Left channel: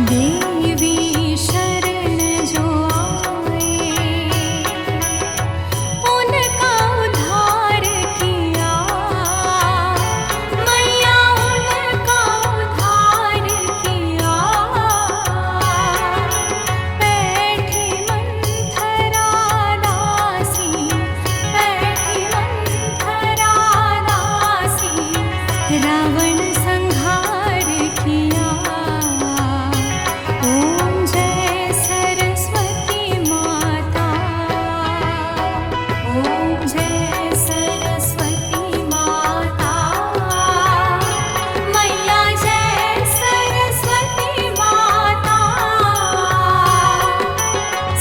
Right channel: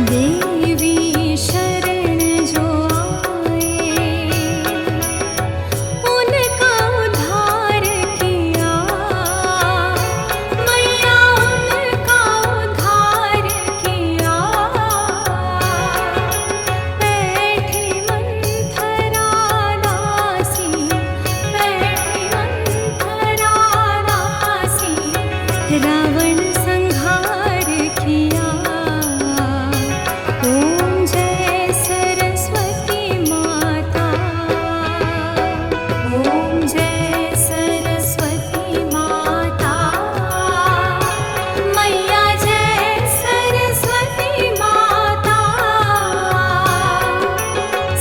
देवी शरण जो आए, उनका उद्धार किया। मैया उनका उद्धार किया। बैठी मंथरा दासी, बैठी मंथरा दासी, रावण संहार किया। ओम जय सरस्वती माता, ओम जय सरस्वती माता, मैया जय सरस्वती माता।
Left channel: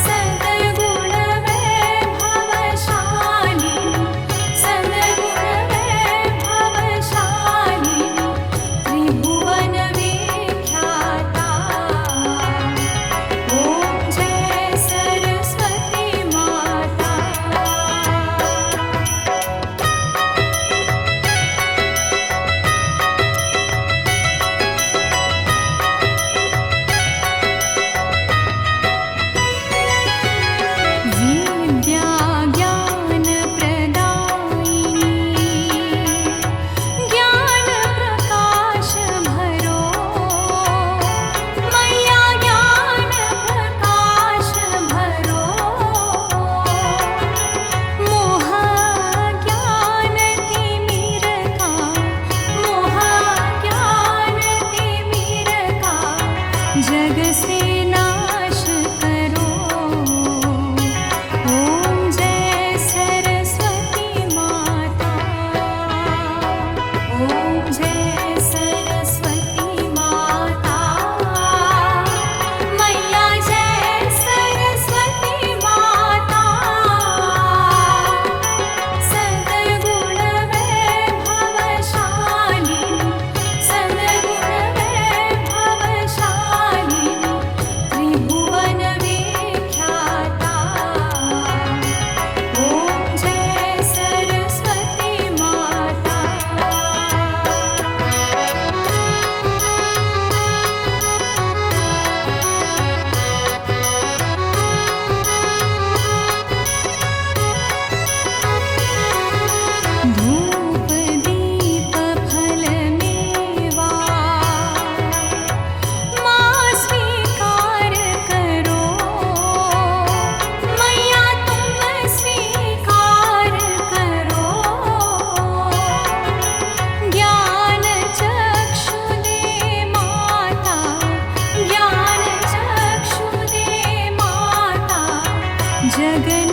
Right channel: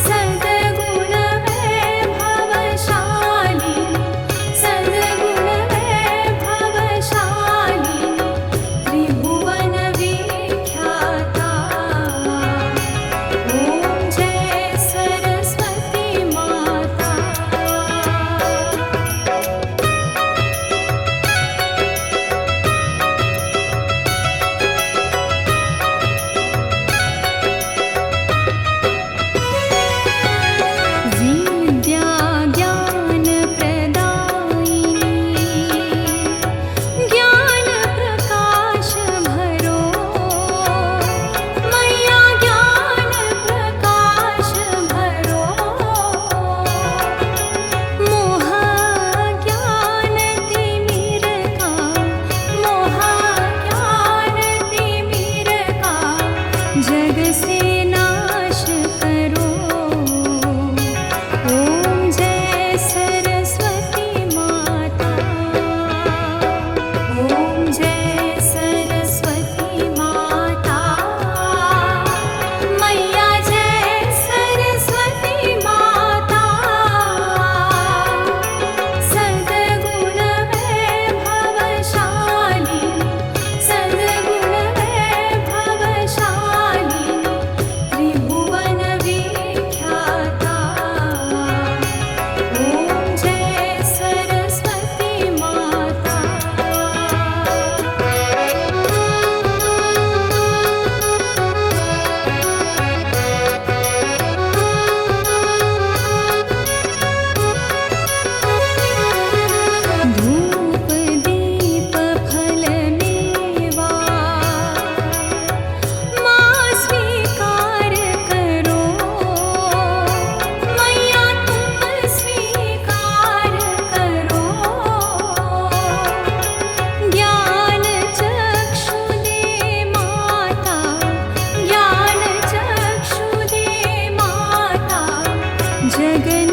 सद्गुण वैभवशालिनी, सद्गुण वैभवशालिनी, त्रिभुवन विख्याता। ओम जय सरस्वती माता। विद्या ज्ञान प्रदायिनी, ज्ञान प्रकाश भरो। मैया ज्ञान प्रकाश भरो। मोह ज्ञान तिमिर का, मोह ज्ञान तिमिर का, जग से नाश करो। ओम जय सरस्वती माता, ओम जय सरस्वती माता, मैया जय सरस्वती माता। सद्गुण वैभवशालिनी, सद्गुण वैभवशालिनी, त्रिभुवन विख्याता। ओम जय सरस्वती माता। धूप दीप फल मेवा, माँ स्वीकार करो। मैया तुम स्वीकार करो। ज्ञान चक्षु दे माता, ज्ञान चक्षु दे माता, जगन